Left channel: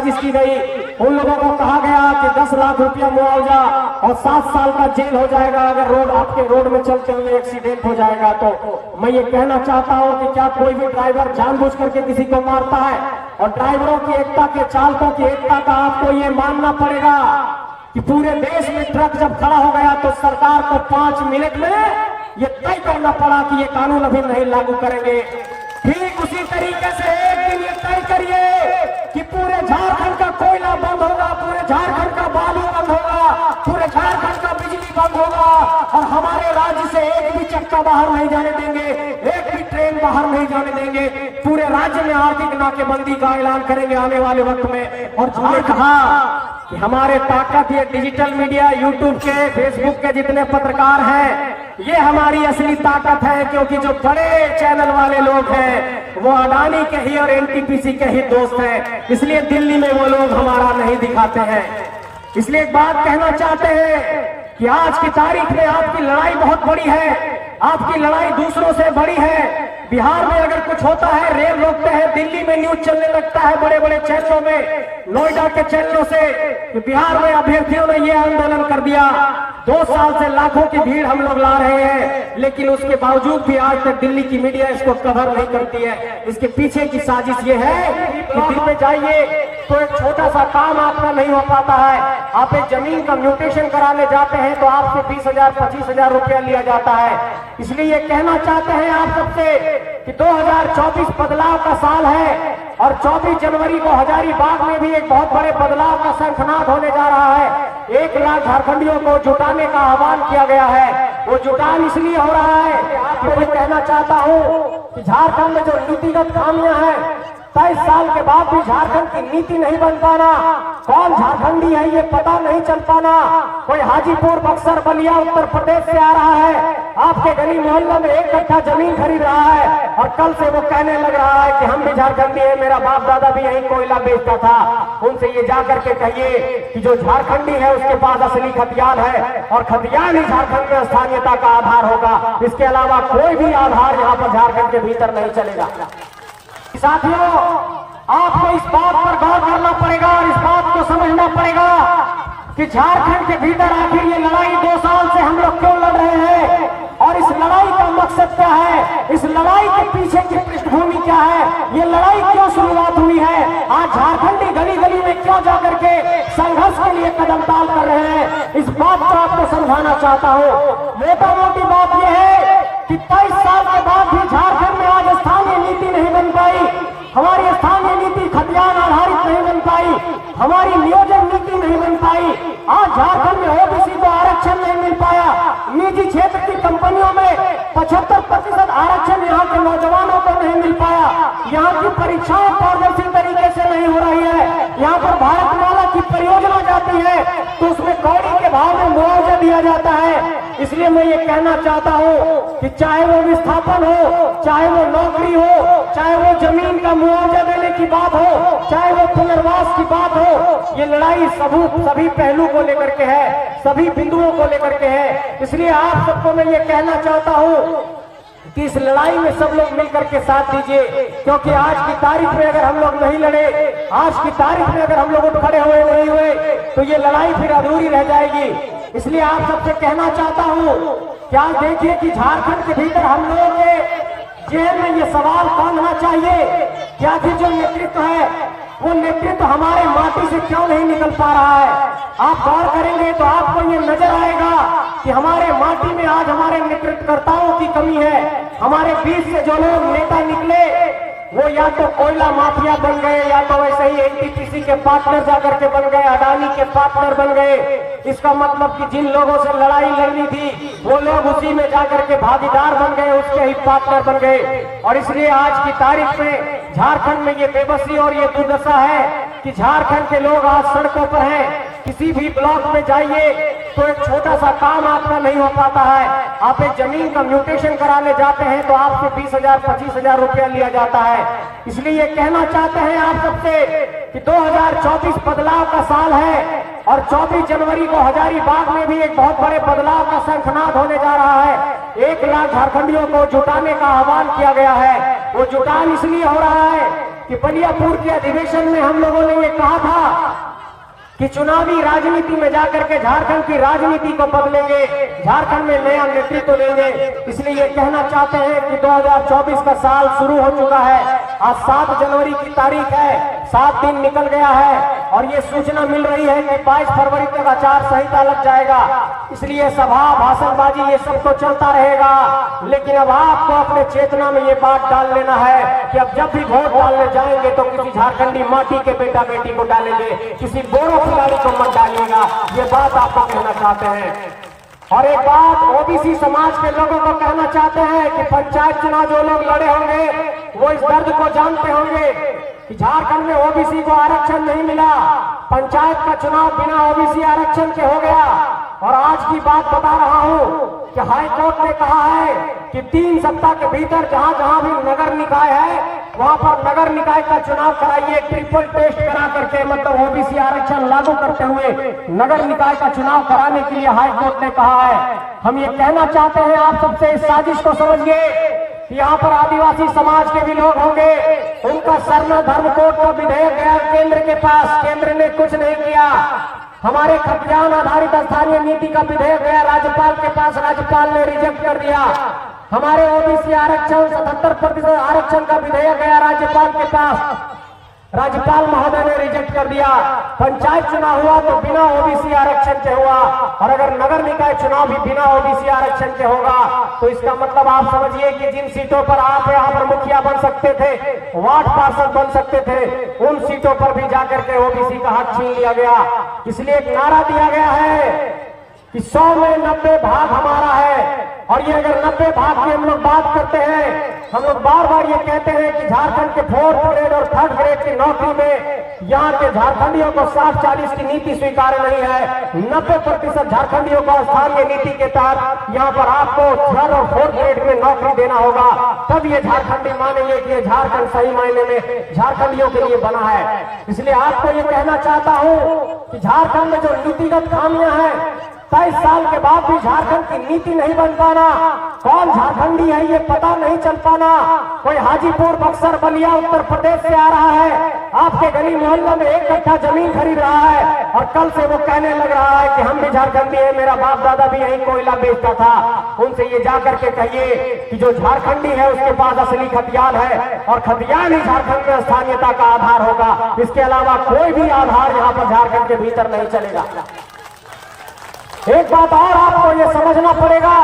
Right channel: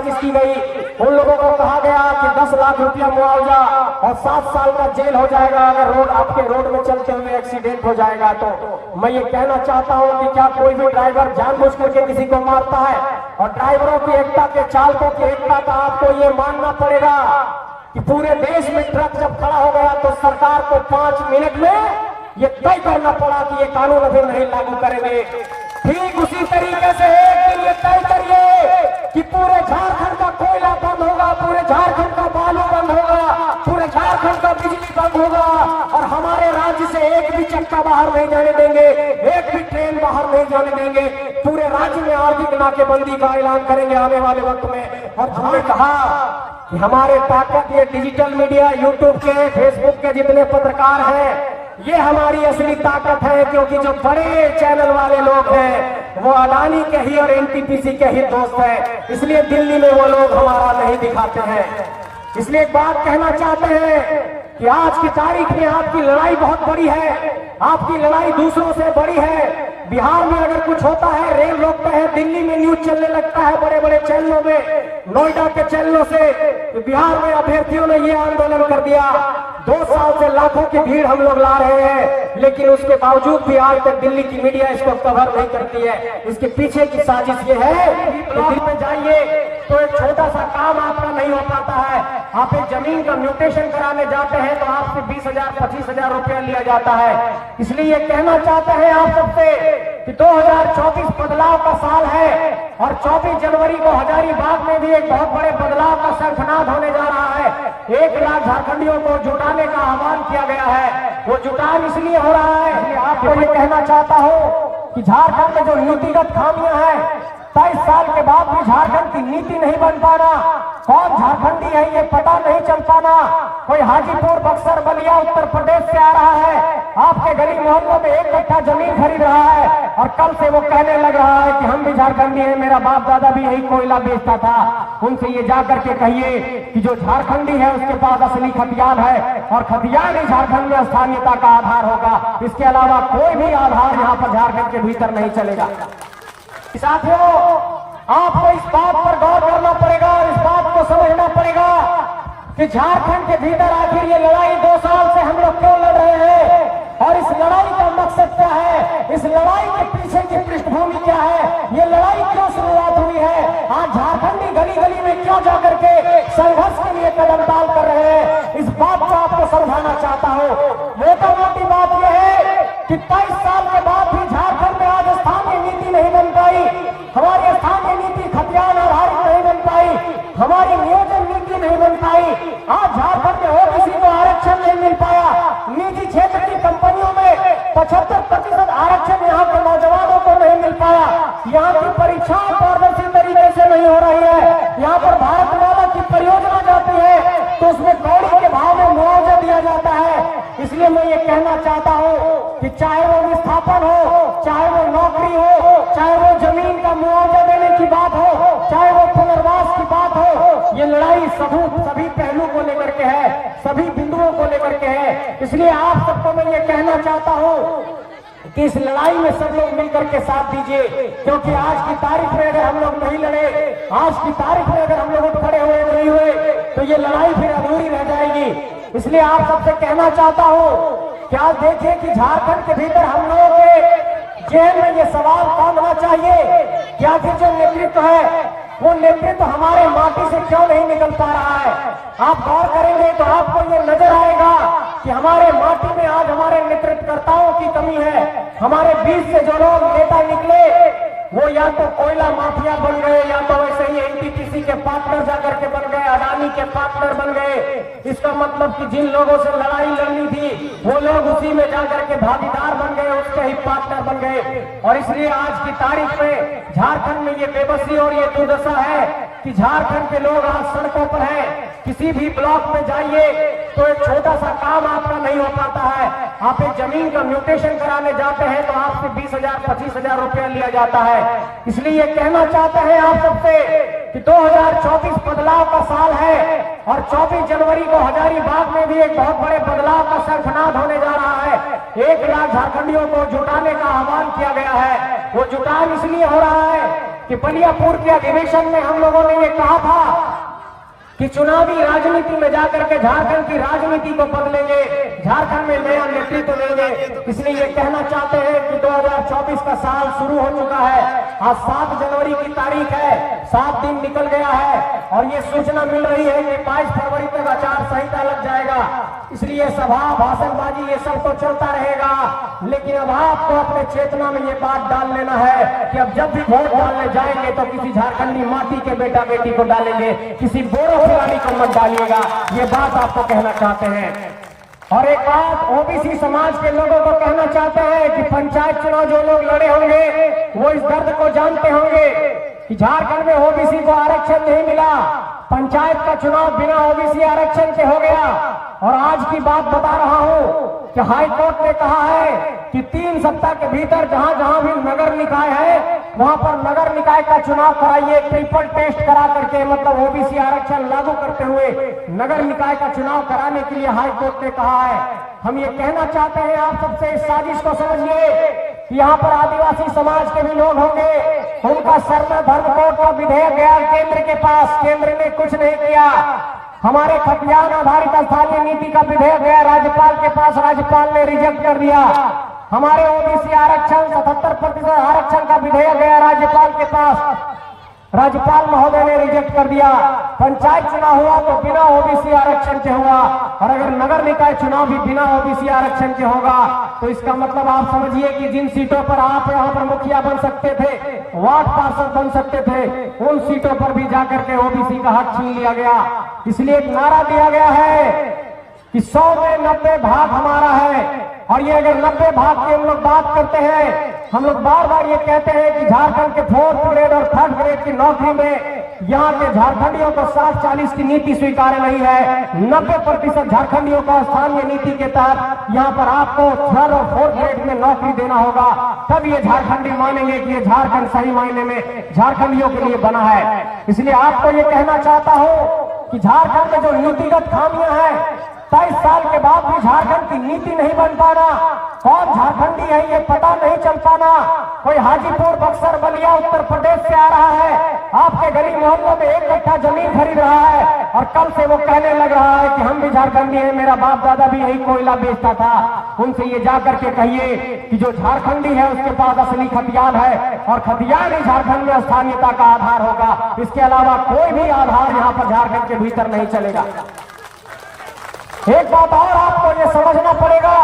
साजिश की गई। उन लोगों को कहा गया कि 10 लाख रुपया मुआवजा और 7 साल का जेल हो जाएगा अगर आपके रोड में चलते हुए एक्सीडेंट हो जाएगा। तो मैं ये कहना चाहता हूं कि क्या कोई भी ड्राइवर जानबूझ करके किसी को मारता है? और ड्राइवरों की एकता के, चालकों की एकता का आपको ये मानना पड़ेगा कि पूरे देश में ट्रक जब खड़ा हो गया तो सरकार को 5 मिनट में ये तय करना पड़ा कि ये कानून अभी नहीं लागू करेंगे। ठीक उसी तरीके से एक दिन ये तय करिए कि पूरे झारखंड का कोयला बंद होगा, पूरे झारखंड का बालू बंद होगा, पूरे झारखंड का बिजली बंद होगा और हमारे राज्य से एक भी चक्का बाहर नहीं जाने देंगे, एक भी ट्रेन बाहर नहीं जाने देंगे। पूरे राज्य में आर्थिक नाकेबंदी का ऐलान करेंगे आने वाले वक्त में। और जो कहा कि हमारे ताकत ये डिजिटल मीडिया, यूट्यूब के, फेसबुक के जितने पत्रकार हैं, ये हमारी असली ताकत है, क्योंकि जो बड़े चैनल वाले लोग हैं वो अडानी के ही और एनटीपीसी के ही दोस्त हैं, इसलिए दिल्ली में वो लोग हमारा नहीं दिखाते हैं। इसलिए एक बात कहना चाहते हैं कि आज की तारीख में आपकी लड़ाई बहुत बड़ी है, आपकी लड़ाई दूसरों से बड़ी है। बिहार में अगर कुछ होता है रेल रोकते हैं, दिल्ली में न्यूज चलने लगता है बड़े बड़े चैनलों में, नोएडा के चैनलों से। बिहार में अभ्यर्थियों ने ये आंदोलन कर दिया, 2 साल से लाखों की भीड़ हम लोग ला रहे हैं, लेकिन उसके बावजूद भी आज तक दिल्ली की मीडिया इसको कवर नहीं करती है। इसके पीछे की साजिश ये है कि दिल्ली में जाइए तो एक छोटा सा काम आपका नहीं हो पाता है। आप एक जमीन का म्यूटेशन कराने जाते हैं तो आपसे 20,000 25,000 रुपया लिया जाता है। इसलिए कहना चाहते हैं आप सबसे कि 2024 बदलाव का साल है और 24 जनवरी को हजारीबाग में भी एक बहुत बड़े बदलाव का शंखनाद होने जा रहा है। 1 लाख झारखंडियों को जुटाने का आह्वान किया गया है। वो जुटान इसलिए हो रहा है, आपको ये कहना चाहता हूँ कि झारखंड में जो नीतिगत खामियां हैं, 23 साल के बाद भी झारखंड की नीति नहीं बन पाना, कौन झारखंडी है ये पता नहीं चल पाना, कोई हाजीपुर, बक्सर, बलिया उत्तर प्रदेश से आ रहा है, आपके गली मोहल्लों में 1 कट्ठा जमीन खरीद रहा है और कल से वो कहने लग रहा है कि हम भी झारखंडी है, मेरा बाप दादा भी यही कोयला बेचता था। उनसे ये जाकर के कहिए कि जो झारखंडी है उसके पास असली खतियान है और खतियान ही झारखंड में स्थानीयता का आधार होगा। इसके अलावा कोई भी आधार यहाँ पर झारखंड के भीतर नहीं चलेगा। साथियों, आपको इस बात पर गौर करना पड़ेगा और इस बात को समझना पड़ेगा कि झारखंड के भीतर आखिर ये लड़ाई 2 साल से हम लोग क्यों लड़ रहे हैं और इस लड़ाई का मकसद क्या है, इस लड़ाई के पीछे की पृष्ठभूमि क्या है, ये लड़ाई क्यों शुरुआत हुई है, आज झारखंडी गली गली में क्या जाकर के संघर्ष के लिए कदम डाल कर रहे हैं, इस बात को आपको समझाना चाहता हूँ। मोटी बात यह है कि 23 साल के बाद भी झारखंड में आज स्थानीय नीति नहीं बन पाई, हमारी स्थानीय नीति खतियान आधारित नहीं बन पाई, हमारी नियोजन नीति नहीं बन पाई। आज झारखंड में ओबीसी को आरक्षण नहीं मिल पाया, निजी क्षेत्र की कंपनियों में 75% आरक्षण यहाँ के नौजवानों को नहीं मिल पाया, यहाँ की परीक्षाएं पारदर्शी तरीके से नहीं हो रही है, यहाँ पर भारतमाला की परियोजना जाती है तो उसमें कौड़ी के भाव में मुआवजा दिया जाता है। इसलिए मैं ये कहना चाहता हूँ कि चाहे वो विस्थापन हो, चाहे वो नौकरी हो, चाहे वो जमीन का मुआवजा देने की बात हो, चाहे वो पुनर्वास की बात हो, ये लड़ाई सभी पहलू को लेकर के है, सभी बिंदुओं को लेकर के है। इसलिए आप सबको मैं ये कहना चाहता हूँ कि इस लड़ाई में सब लोग मिलकर के साथ दीजिए, क्योंकि आज की तारीख में अगर हम लोग नहीं लड़े, आज की तारीख में अगर हम लोग खड़े हुए नहीं हुए तो ये लड़ाई फिर अधूरी रह जाएगी। इसलिए आप सबसे कहना चाहता हूँ कि आज देखिए कि झारखंड के भीतर हम लोगों के जेल में ये सवाल कौन होना चाहिए कि आखिर जो नेतृत्व है वो नेतृत्व हमारे माटी से क्यों नहीं निकल पा रहा है। आप गौर करेंगे तो आपको ये नजर आएगा कि हमारे माटी में आज हमारे नेतृत्वकर्ताओं की कमी है। हमारे बीच से जो लोग नेता निकले वो या तो कोयला माफिया बन गए, या तो वैसे ही एनटीपीसी के पार्टनर जाकर के बन गए, अडानी के पार्टनर बन गए। इसका मतलब कि जिन लोगों से लड़ाई लड़नी थी वो लोग उसी में जाकर के भागीदार बन गए, उसके ही पार्टनर बन गए। और इसलिए आज की तारीख में झारखंड में ये बेबसी और ये दुर्दशा है कि झारखंड के लोग आज सड़कों पर हैं। किसी भी ब्लॉक में जाइए तो एक छोटा सा काम आपका नहीं हो पाता है, आप एक जमीन का म्यूटेशन कराने जाते हैं तो आपसे 20,000 25,000 रुपया लिया जाता है। इसलिए कहना चाहते हैं आप सबसे कि 2024 बदलाव का साल है और 24 जनवरी को हजारीबाग में भी एक बहुत बड़े बदलाव का शंखनाद होने जा रहा है। 1 लाख झारखंडियों को जुटाने का आह्वान किया गया है। वो जुटान इसलिए हो रहा है कि बलियापुर के अधिवेशन में हम लोगों ने ये कहा था कि चुनावी राजनीति में जाकर के झारखंड की राजनीति को बदलेंगे, झारखंड में नया नेतृत्व देंगे। इसलिए ये कहना चाहते हैं कि 2024 का साल शुरू हो चुका है। आज 7 जनवरी की तारीख है, 7 दिन निकल गया है और ये सूचना मिल रही है कि 22 फरवरी तक आचार संहिता लग जाएगा। इसलिए सभा भाषणबाजी ये सब तो चलता रहेगा, लेकिन अब आपको अपने चेतना में ये बात डाल लेना है कि अब जब भी वोट डालने जाएंगे तो किसी झारखंडी माटी के बेटा बेटी को डालेंगे, किसी बोरो खिलाड़ी को मत डालिएगा। ये बात आपको कहना चाहते हैं। और एक बात ओबीसी समाज के लोगों को कहना चाहते हैं कि पंचायत चुनाव जो लोग लड़े होंगे वो इस दर्द को जानते होंगे कि झारखंड में ओबीसी को आरक्षण नहीं मिला, पंचायत का चुनाव बिना ओबीसी आरक्षण के हो गया। और आज की बात बता रहा हूं कि हाई कोर्ट ने कहा है कि 3 सप्ताह के भीतर जहां जहां भी नगर निकाय है वहां पर नगर निकाय का चुनाव कराइए, ट्रिपल टेस्ट करा करके, मतलब ओबीसी आरक्षण लागू करते हुए नगर निकाय का चुनाव कराने के लिए हाई कोर्ट ने कहा है। हम ये कहना चाहते हैं आप सबसे, इस साजिश को समझिए कि यहाँ पर आदिवासी समाज के भी लोग होंगे, उनका सरना धर्म कोड का विधेयक गया केंद्र के पास, केंद्र ने कुछ नहीं किया। हमारे खतियान आधारित स्थानीय नीति का विधेयक गया राज्यपाल के पास, राज्यपाल ने रिजेक्ट कर दिया। हमारे ओबीसी आरक्षण 77% आरक्षण का विधेयक गया राज्यपाल के पास, राज्यपाल महोदय ने रिजेक्ट कर दिया। पंचायत चुनाव हुआ तो बिना ओबीसी आरक्षण के हुआ, और अगर नगर निकाय चुनाव भी बिना ओबीसी आरक्षण के होगा तो इसका मतलब आप समझिए कि जिन सीटों पर आप यहाँ पर मुखिया बन सकते थे, वार्ड पार्षद बन सकते थे, उन सीटों पर भी जाकर के ओबीसी का हक छीन लिया गया। इसलिए एक नारा दिया गया है कि 100 में 90 भाग हमारा है। और ये अगर 90 भाग की हम लोग बात करते हैं, हम लोग बार बार ये कहते हैं कि झारखंड के 4th ग्रेड और 3rd ग्रेड की नौकरी में यहाँ के झारखंडियों को 60-40 की नीति स्वीकार नहीं है। 90% झारखंडियों को स्थानीय नीति के तहत यहाँ पर आपको 3rd और 4th ग्रेड में नौकरी देना होगा, तब ये झारखंडी मानेंगे कि ये झारखंड सही मायने में झारखंडियों के लिए बना है। इसलिए आपको ये कहना चाहता हूँ कि झारखंड में जो नीतिगत खामियां हैं, 23 साल के बाद भी झारखंड की नीति नहीं बन पाना, कौन झारखंडी है ये पता नहीं चल पाना। कोई हाजीपुर, बक्सर, बलिया उत्तर प्रदेश से आ रहा है, आपके गली मोहल्लों में 1 कट्ठा जमीन खरीद रहा है और कल से वो कहने लग रहा है कि हम भी झारखंडी है, मेरा बाप दादा भी यही कोयला बेचता था। उनसे ये जाकर के कहिए कि जो झारखंडी है उसके पास असली खतियान है, और खतियान ही झारखंड में स्थानीयता का आधार होगा। इसके अलावा कोई भी आधार यहाँ पर झारखंड के भीतर नहीं चलेगा। एक बात और आपको ये समझना पड़ेगा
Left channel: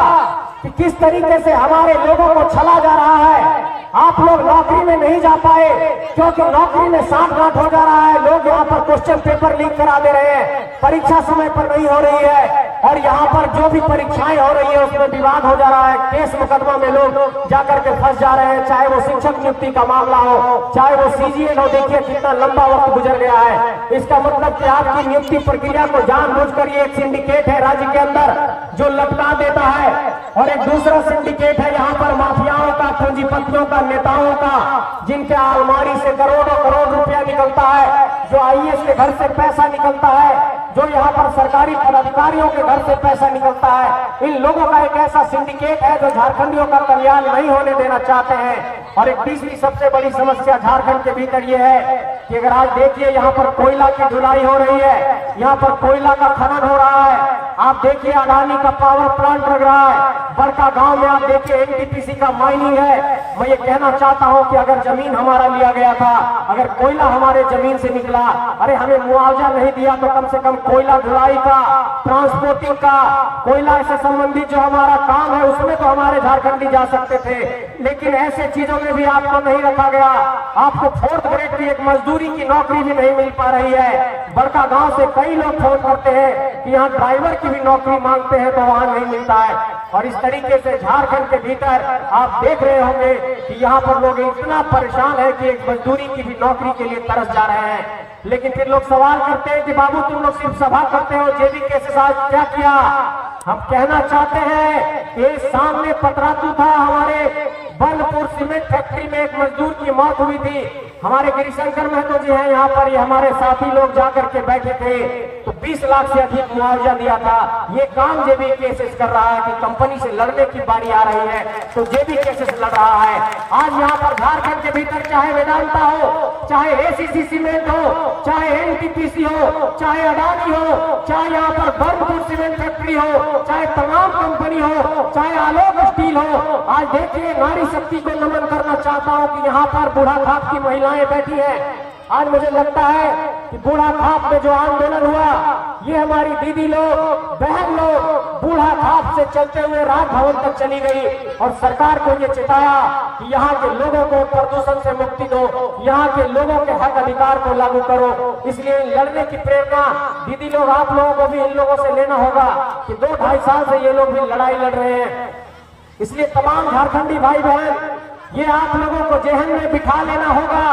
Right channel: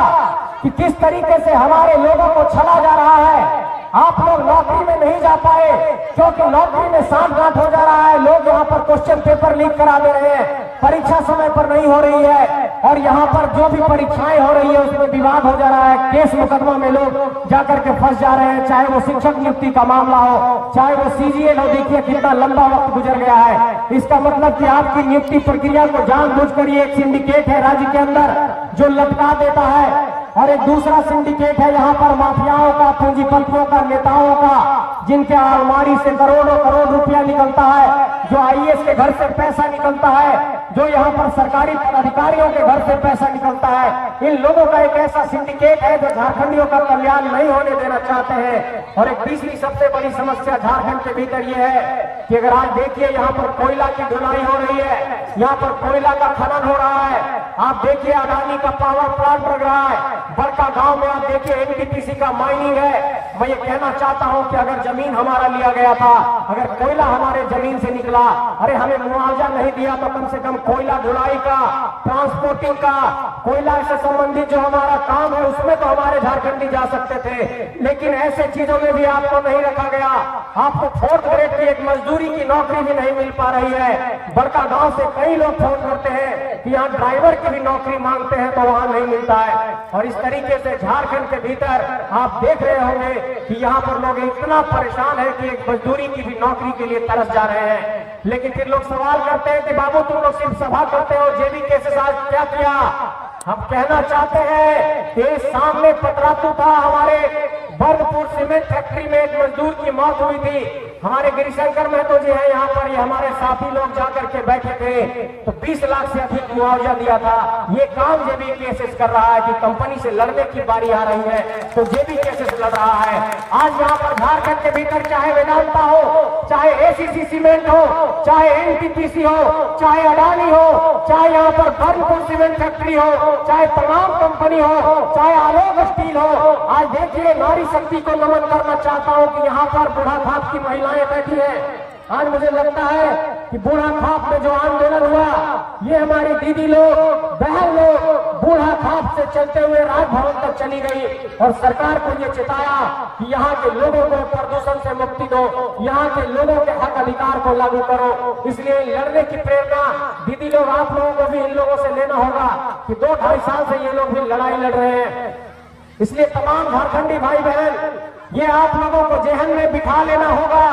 कि किस तरीके से हमारे लोगों को छला जा रहा है। आप लोग नौकरी में नहीं जा पाए क्योंकि नौकरी में सांठ-गांठ हो जा रहा है। लोग यहाँ पर क्वेश्चन पेपर लीक करा दे रहे हैं, परीक्षा समय पर नहीं हो रही है, और यहाँ पर जो भी परीक्षाएं हो रही है उसमें विवाद हो जा रहा है। केस मुकदमा में लोग जाकर के फंस जा रहे हैं, चाहे वो शिक्षक नियुक्ति का मामला हो, चाहे वो सीजीएल हो। देखिए कितना लंबा वक्त गुजर गया है। इसका मतलब कि आपकी नियुक्ति प्रक्रिया को जानबूझकर एक सिंडिकेट है राज्य के अंदर जो लटका देता है, और एक दूसरा सिंडिकेट है यहाँ पर माफियाओं का, पूंजीपतियों का, नेताओं का, जिनके अलमारी से करोड़ों करोड़ रुपया निकलता है, जो आईएएस के घर से पैसा निकलता है, जो यहाँ पर सरकारी पदाधिकारियों के घर से पैसा निकलता है। इन लोगों का एक ऐसा सिंडिकेट है जो झारखंडियों का कल्याण नहीं होने देना चाहते हैं। और एक तीसरी सबसे बड़ी समस्या झारखंड के भीतर ये है कि अगर आज देखिए यहाँ पर कोयला की ढुलाई हो रही है, यहाँ पर कोयला का खनन हो रहा है। आप देखिए अडानी का पावर प्लांट लग रहा है, बड़का गांव में आप देखिए एनटीपीसी का माइनिंग है। मैं ये कहना चाहता हूं कि अगर जमीन हमारा लिया गया था, अगर कोयला हमारे जमीन से निकला, अरे हमें मुआवजा नहीं दिया तो कम से कम कोयला ढुलाई का, ट्रांसपोर्टिंग का, कोयला से संबंधित जो हमारा काम है उसमें तो हमारे झारखंडी जा सकते थे। लेकिन ऐसे चीजों में भी आपको नहीं रखा गया। आपको 4th ग्रेड की एक मजदूरी की नौकरी भी नहीं मिल पा रही है। बड़का गांव से कई लोग फोन करते हैं कि यहाँ ड्राइवर की भी नौकरी मांगते हैं तो वहां नहीं मिलता है। और इस तरीके से झारखंड के भीतर आप देख रहे होंगे कि यहाँ पर लोग इतना परेशान है कि एक मजदूरी की भी नौकरी के लिए तरस जा रहे हैं। लेकिन फिर लोग सवाल करते हैं कि बाबू तुम लोग सिर्फ सभा करते हो, जेबी के साथ क्या किया? हम कहना चाहते हैं कि सामने पतरातू था, हमारे बलपुर सीमेंट फैक्ट्री में एक मजदूर की मौत हुई थी। हमारे गिरिशंकर महतो जी हैं यहाँ पर, ये हमारे साथी लोग जाकर के बैठे थे तो 20 लाख से अधिक मुआवजा दिया था। ये काम जेबी केसेस कर रहा है कि कंपनी से लड़ने की बारी आ रही है तो जेबी केसेस लड़ रहा है। आज यहाँ पर झारखंड के भीतर चाहे वेदांता हो, चाहे एसीसी सीमेंट हो, चाहे एनटीपीसी हो, चाहे अडानी हो, चाहे यहाँ पर बर्नपुर सीमेंट फैक्ट्री हो, चाहे तमाम कंपनी हो, चाहे आलोक स्टील हो, आज देखिए नारी शक्ति को नमन करना चाहता हूँ कि यहाँ पर बूढ़ा खाप की महिलाएं बैठी हैं। आज मुझे लगता है कि बूढ़ा खाप में जो आंदोलन हुआ, ये हमारी दीदी लोग, बहन लोग बूढ़ा खाप से चलते हुए राजभवन तक चली गई और सरकार को ये चिताया कि यहाँ के लोगों को प्रदूषण से मुक्ति दो, यहाँ के लोगों के हक अधिकार को लागू करो। इसलिए लड़ने की प्रेरणा दीदी लोग, आप लोगों को भी इन लोगों से लेना होगा कि 2-2.5 साल से ये लोग भी लड़ाई लड़ रहे हैं। इसलिए तमाम झारखंडी भाई बहन, ये आप लोगों को जहन में बिठा लेना होगा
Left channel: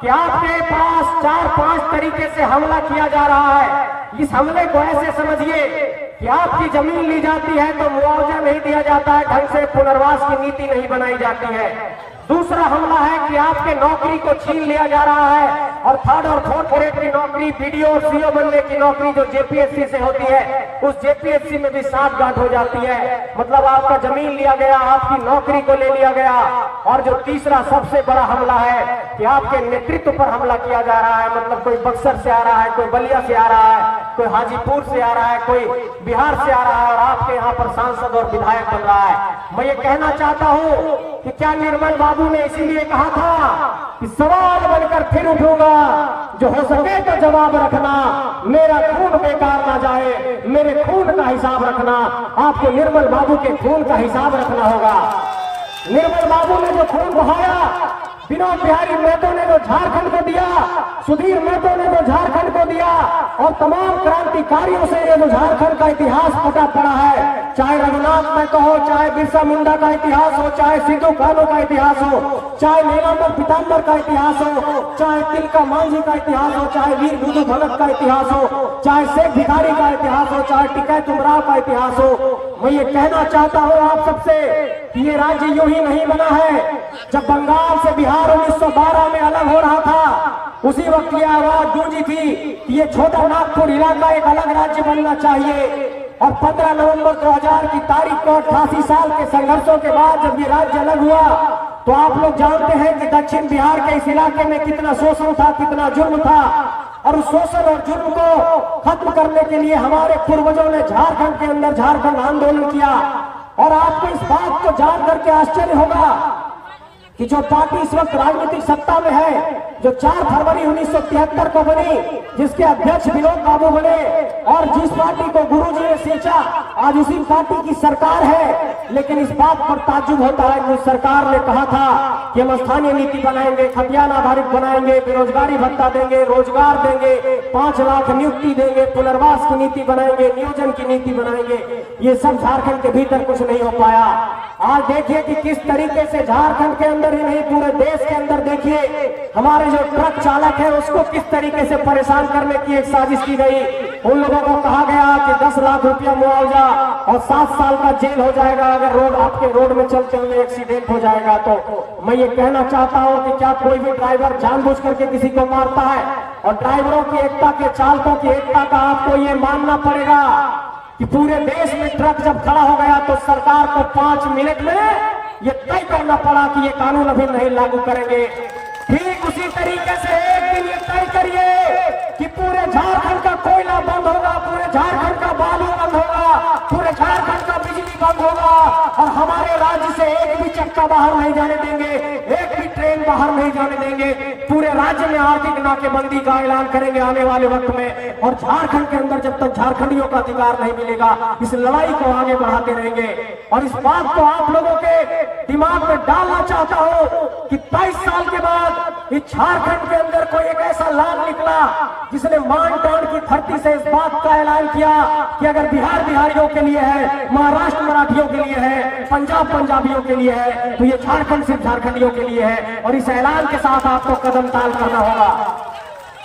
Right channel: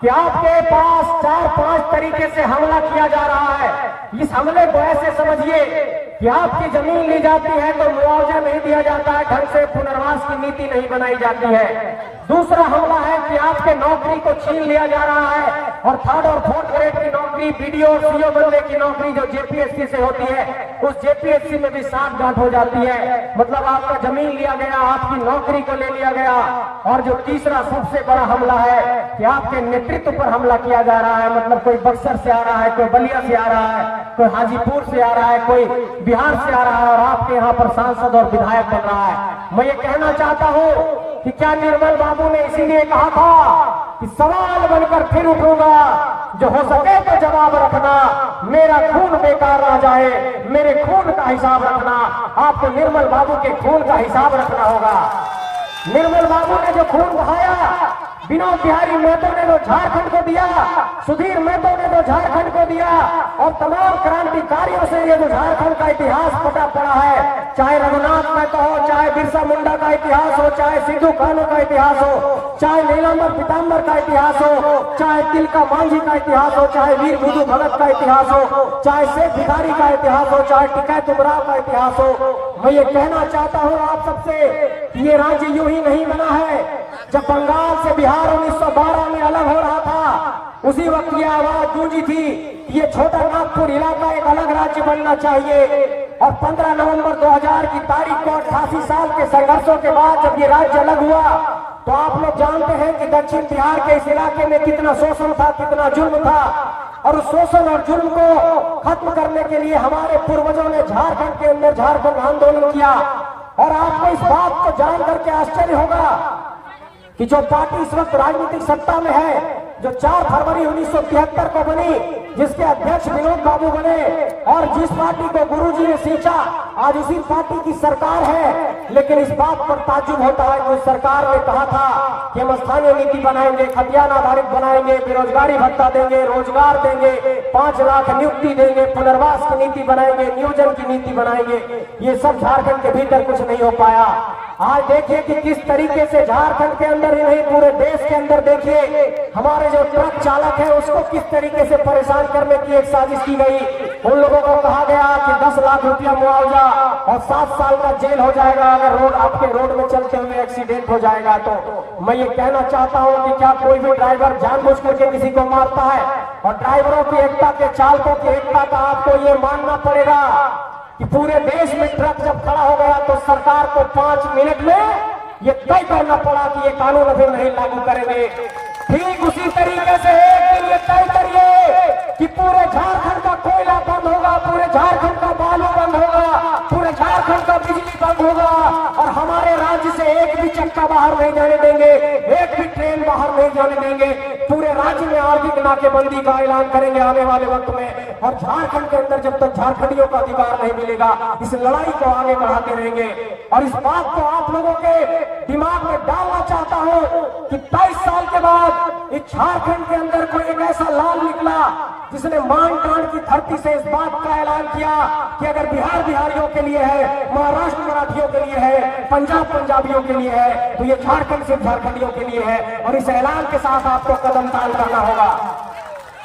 कि आपके पास 4-5 तरीके से हमला किया जा रहा है। इस हमले को ऐसे समझिए कि आपकी जमीन ली जाती है तो मुआवजा नहीं दिया जाता है, ढंग से पुनर्वास की नीति नहीं बनाई जाती है। दूसरा हमला है कि आपके नौकरी को छीन लिया जा रहा है और 3rd और 4th ग्रेड की नौकरी, बीडीओ और सीओ बनने की नौकरी जो जेपीएससी से होती है, उस जेपीएससी में भी सांठगांठ हो जाती है। मतलब आपका जमीन लिया गया, आपकी नौकरी को ले लिया गया। और जो तीसरा सबसे बड़ा हमला है कि आपके नेतृत्व पर हमला किया जा रहा है। मतलब कोई बक्सर से आ रहा है, कोई बलिया से आ रहा है, कोई हाजीपुर से आ रहा है, कोई बिहार से आ रहा है और आपके यहाँ पर सांसद और विधायक बन रहा है। मैं ये कहना चाहता हूँ कि क्या निर्मल बाबू ने इसीलिए कहा था कि सवाल बनकर फिर उठूंगा, जो हो सके तो जवाब रखना, मेरा खून बेकार ना जाए, मेरे खून का हिसाब रखना। आपको निर्मल बाबू के खून का हिसाब रखना होगा। निर्मल बाबू ने जो खून बहाया, विनोद बिहारी महतो ने जो झारखंड को दिया, सुधीर महतो ने जो झारखंड को दिया और तमाम क्रांतिकारियों से ये जो झारखंड का इतिहास पता पड़ा है, चाहे रघुनाथ महतो हो, चाहे बिरसा मुंडा का इतिहास हो, चाहे सिद्धू कान्हू का इतिहास हो, चाहे नीलांबर पीताम्बर का इतिहास हो, चाहे तिलका मांझी का इतिहास हो, चाहे वीर बुद्धू भगत का इतिहास हो, चाहे शेख भिखारी का इतिहास हो, चाहे टिकैत उमराव का इतिहास हो। मैं ये कहना चाहता हूँ आप सबसे कि ये राज्य यूं ही नहीं बना है। जब बंगाल से बिहार 1912 में अलग हो रहा था, उसी वक्त ये आवाज गूंजी थी कि ये छोटा नागपुर इलाका एक अलग राज्य बनना चाहिए। और 15 नवंबर 2000 की तारीख को 88 साल के संघर्षों के बाद जब ये राज्य अलग हुआ, तो आप लोग जानते हैं कि दक्षिण बिहार के इस इलाके में कितना शोषण था, कितना जुल्म था। और उस शोषण और जुल्म को खत्म करने के लिए हमारे पूर्वजों ने झारखंड के अंदर झारखंड आंदोलन किया। और आपको इस बात को जान करके आश्चर्य होगा कि जो पार्टी इस वक्त राजनीतिक सत्ता में है, जो 4 फरवरी 1973 को बनी, जिसके अध्यक्ष विनोद बाबू बने और जिस पार्टी को गुरुजी ने सींचा, आज उसी पार्टी की सरकार है। लेकिन इस बात पर ताज्जुब होता है कि सरकार ने कहा था कि हम स्थानीय नीति बनाएंगे, खतियान आधारित बनाएंगे, बेरोजगारी भत्ता देंगे, रोजगार देंगे, 5 लाख नियुक्ति देंगे, पुनर्वास की नीति बनाएंगे, नियोजन की नीति बनाएंगे। ये सब झारखंड के भीतर कुछ नहीं हो पाया। आज देखिए कि किस तरीके से झारखंड के अंदर ही नहीं पूरे देश के अंदर देखिए हमारे जो ट्रक चालक है उसको किस तरीके से परेशान करने की एक साजिश की गई। उन लोगों को कहा गया कि 10 लाख रुपया मुआवजा और 7 साल का जेल हो जाएगा अगर रोड आपके रोड में चलते हुए एक्सीडेंट हो जाएगा। तो मैं ये कहना चाहता हूं कि क्या कोई भी ड्राइवर जानबूझ करके किसी को मारता है? और ड्राइवरों की एकता के, चालकों की एकता का आपको ये मानना पड़ेगा कि पूरे देश में ट्रक जब खड़ा हो गया तो सरकार को 5 मिनट में ये तय करना पड़ा कि ये कानून अभी नहीं लागू करेंगे। ठीक उसी तरीके से एक दिन ये तय करिए कि पूरे झारखंड का कोयला बंद होगा, पूरे झारखंड का बालू बंद होगा, पूरे झारखंड का बिजली बंद होगा और हमारे राज्य से एक भी चक्का बाहर नहीं जाने देंगे, एक भी ट्रेन बाहर नहीं जाने देंगे। पूरे राज्य में आर्थिक नाकेबंदी का ऐलान करेंगे आने वाले वक्त में। और झारखंड के अंदर जब तक झारखंडियों का अधिकार नहीं मिलेगा, इस लड़ाई को आगे बढ़ाते रहेंगे। और इस बात को आप लोगों के दिमाग में डालना चाहता हूं कि 23 साल के बाद इस झारखंड के अंदर कोई एक ऐसा लाल निकला जिसने मान टान की धरती से इस बात का ऐलान किया कि अगर बिहार बिहारियों के लिए है, महाराष्ट्र मराठियों के लिए है, पंजाब पंजाबियों के लिए है, तो ये झारखंड सिर्फ झारखंडियों के लिए है। और इस ऐलान के साथ आपको कदम ताल करना होगा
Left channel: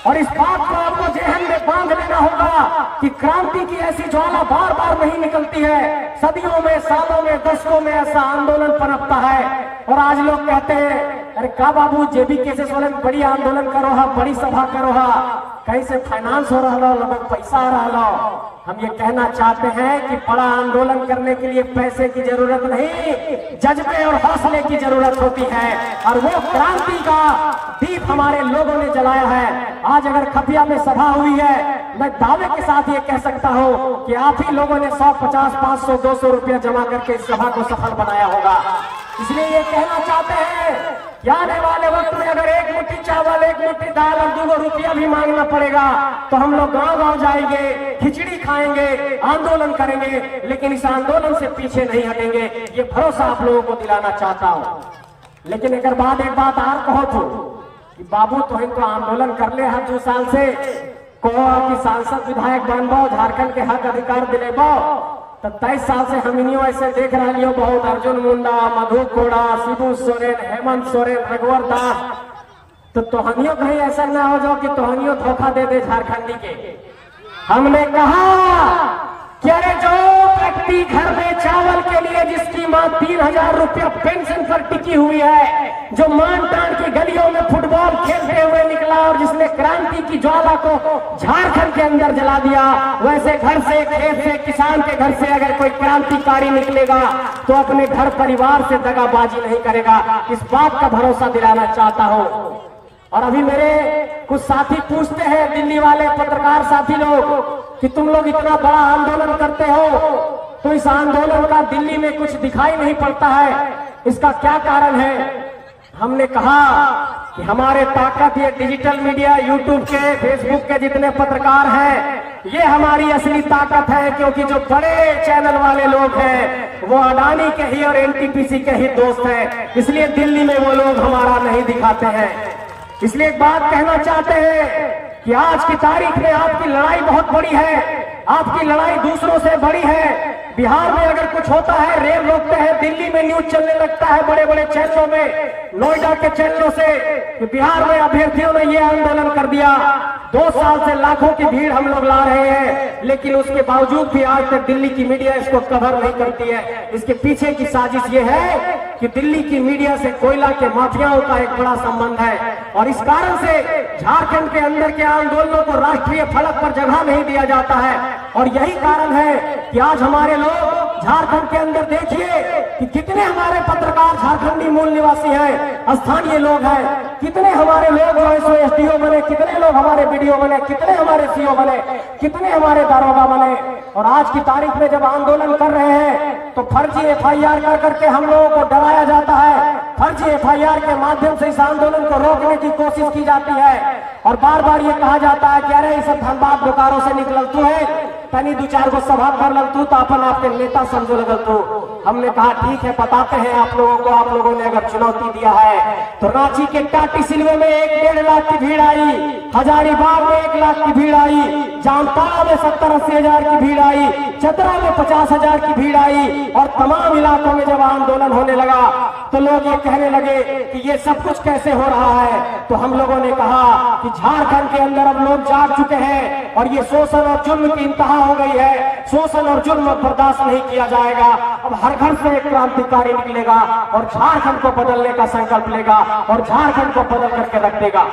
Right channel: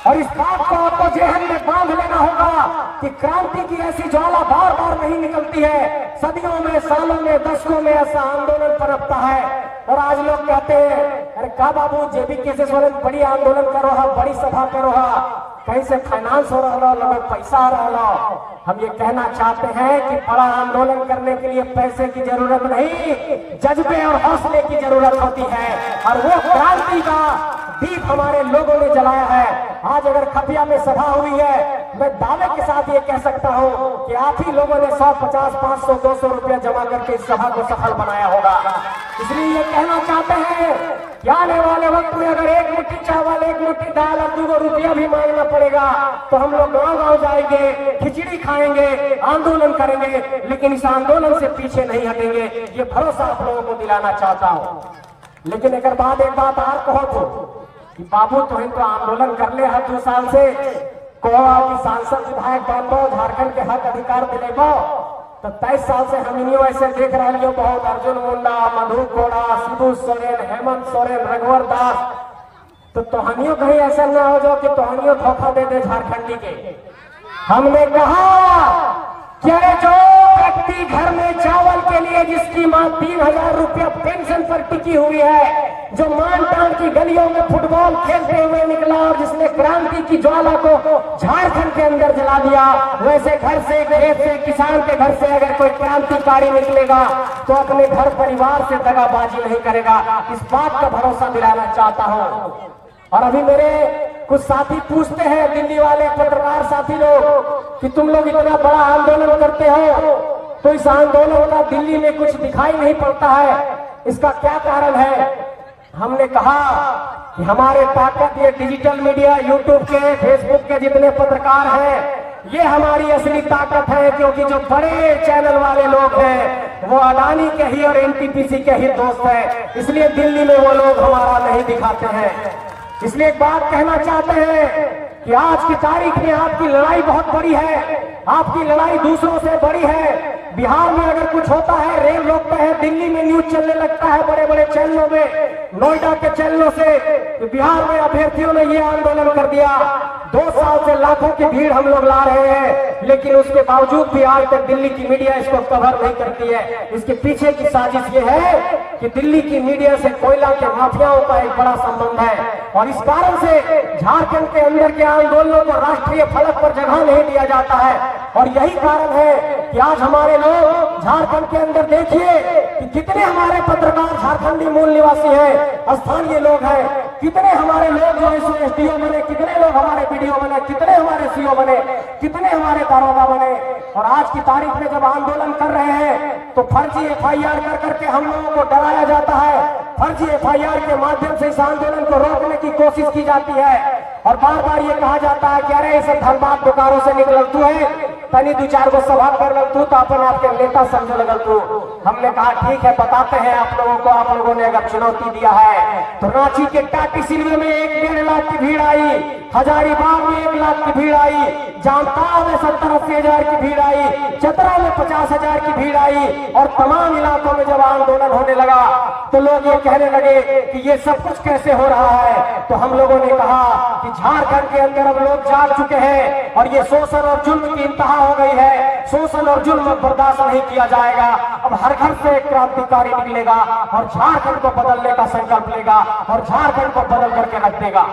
और इस बात को आपको जहन में बांध लेना होगा कि क्रांति की ऐसी ज्वाला बार बार नहीं निकलती है। सदियों में, सालों में, दशकों में ऐसा आंदोलन पनपता है। और आज लोग कहते हैं अरे का बाबू जेबी कैसे सोरेन बड़ी आंदोलन करो हा, बड़ी सभा करो हा, कहीं से फाइनेंस हो रहा लो, लोगों पैसा आ रहा लो। हम ये कहना चाहते हैं कि बड़ा आंदोलन करने के लिए पैसे की जरूरत नहीं, जज्बे और हौसले की जरूरत होती है। और वो क्रांति का दीप हमारे लोगों ने जलाया है। आज अगर खफिया में सभा हुई है, मैं दावे के साथ ये कह सकता हूँ कि आप ही लोगों ने 150, 500, 200 रुपया जमा करके इस सभा को सफल बनाया होगा। इसलिए ये कहना चाहते हैं कि आने वाले वक्त में अगर एक मुट्ठी चावल, एक मुट्ठी दाल और 2 रुपया भी मांगना पड़ेगा तो हम लोग गांव-गांव जाएंगे, खिचड़ी खाएंगे, आंदोलन करेंगे, लेकिन इस आंदोलन से पीछे नहीं हटेंगे। ये भरोसा आप लोगों को दिलाना चाहता हूँ। लेकिन अगर एक बात और कहो तो कि बाबू तो इनको आंदोलन कर ले हर 2 साल से, कहो आपकी सांसद विधायक बनबो, झारखंड के हक अधिकार दिलेबो, तो 23 साल से हम इन्हीं ऐसे देख रहे लियो बहुत, अर्जुन मुंडा, मधु कोड़ा, शिबू सोरेन, हेमंत सोरेन, रघुवर दास, तो तोहनियों कहीं ऐसे न हो जाओ कि तोहनियों धोखा दे दे झारखंडी के। हमने कहा कि अरे जो व्यक्ति घर में चावल के लिए जिसकी मां 3000 रुपया पेंशन पर टिकी हुई है, जो मान टान की गलियों में फुटबॉल खेलते हुए निकला और जिसने क्रांति की ज्वाला को झारखंड के अंदर जला दिया, वैसे घर से, खेत से, किसान के घर से अगर कोई क्रांतिकारी निकलेगा तो अपने घर परिवार से दगाबाजी नहीं करेगा। इस बात का भरोसा दिलाना चाहता हूँ। और अभी मेरे कुछ साथी पूछते हैं, दिल्ली वाले पत्रकार साथी लोग, कि तुम लोग इतना बड़ा आंदोलन करते हो तो इस आंदोलन का दिल्ली में कुछ दिखाई नहीं पड़ता है, इसका क्या कारण है? हमने कहा कि हमारे ताकत ये डिजिटल मीडिया, यूट्यूब के, फेसबुक के जितने पत्रकार हैं, ये हमारी असली ताकत है। क्योंकि जो बड़े चैनल वाले लोग हैं वो अडानी के ही और एनटीपीसी के ही दोस्त हैं, इसलिए दिल्ली में वो लोग हमारा नहीं दिखाते हैं। इसलिए एक बात कहना चाहते हैं कि आज की तारीख में आपकी लड़ाई बहुत बड़ी है, आपकी लड़ाई दूसरों से बड़ी है। बिहार में अगर कुछ होता है, रेल रोकते हैं, दिल्ली में न्यूज चलने लगता है बड़े बड़े चैनलों में, नोएडा के चैनलों से, तो बिहार में अभ्यर्थियों ने ये आंदोलन कर दिया। 2 साल से लाखों की भीड़ हम लोग ला रहे हैं, लेकिन उसके बावजूद भी आज तक दिल्ली की मीडिया इसको कवर नहीं करती है। इसके पीछे की साजिश ये है कि दिल्ली की मीडिया से कोयला के माफियाओं का एक बड़ा संबंध है, और इस कारण से झारखंड के अंदर के आंदोलनों को राष्ट्रीय फलक पर जगह नहीं दिया जाता है। और यही कारण है कि आज हमारे लोग झारखंड के अंदर, देखिए कि कितने हमारे पत्रकार झारखंडी मूल निवासी हैं, स्थानीय लोग हैं, कितने हमारे लोग एसडीओ बने, कितने लोग हमारे बीडीओ बने, कितने हमारे सीओ बने, कितने हमारे दारोगा बने। और आज की तारीख में जब आंदोलन कर रहे हैं तो फर्जी एफआईआर कर करके हम लोगों को डराया जाता है, फर्जी एफआईआर के माध्यम से इस आंदोलन को रोकने की कोशिश की जाती है। और बार बार ये कहा जाता है कि अरे इसे धनबाद बोकारो से निकल तू है, पहली 2-4 गो सभा कर लग तू तो अपन आपके नेता समझो लगल तू। हमने कहा ठीक है, बताते हैं आप लोगों को, आप लोगों ने अगर चुनौती दिया है तो रांची के टाटी सिलवे में 1-1.5 लाख की भीड़ आई, हजारीबाग में 1 लाख की भीड़ आई, जामताड़ा में 70-80 हजार की भीड़ आई, चतरा में 50 हजार की भीड़ आई। और तमाम इलाकों में जब आंदोलन होने लगा तो लोग ये कहने लगे कि ये सब कुछ कैसे हो रहा है। तो हम लोगों ने कहा कि झारखंड के अंदर अब लोग जाग चुके हैं और ये शोषण और जुल्म की इंतहा हो गई है। शोषण और जुल्म बर्दाश्त नहीं किया जाएगा। अब हर घर से एक क्रांतिकारी निकलेगा और झारखंड को बदलने का संकल्प लेगा और झारखंड को बदल करके रख देगा।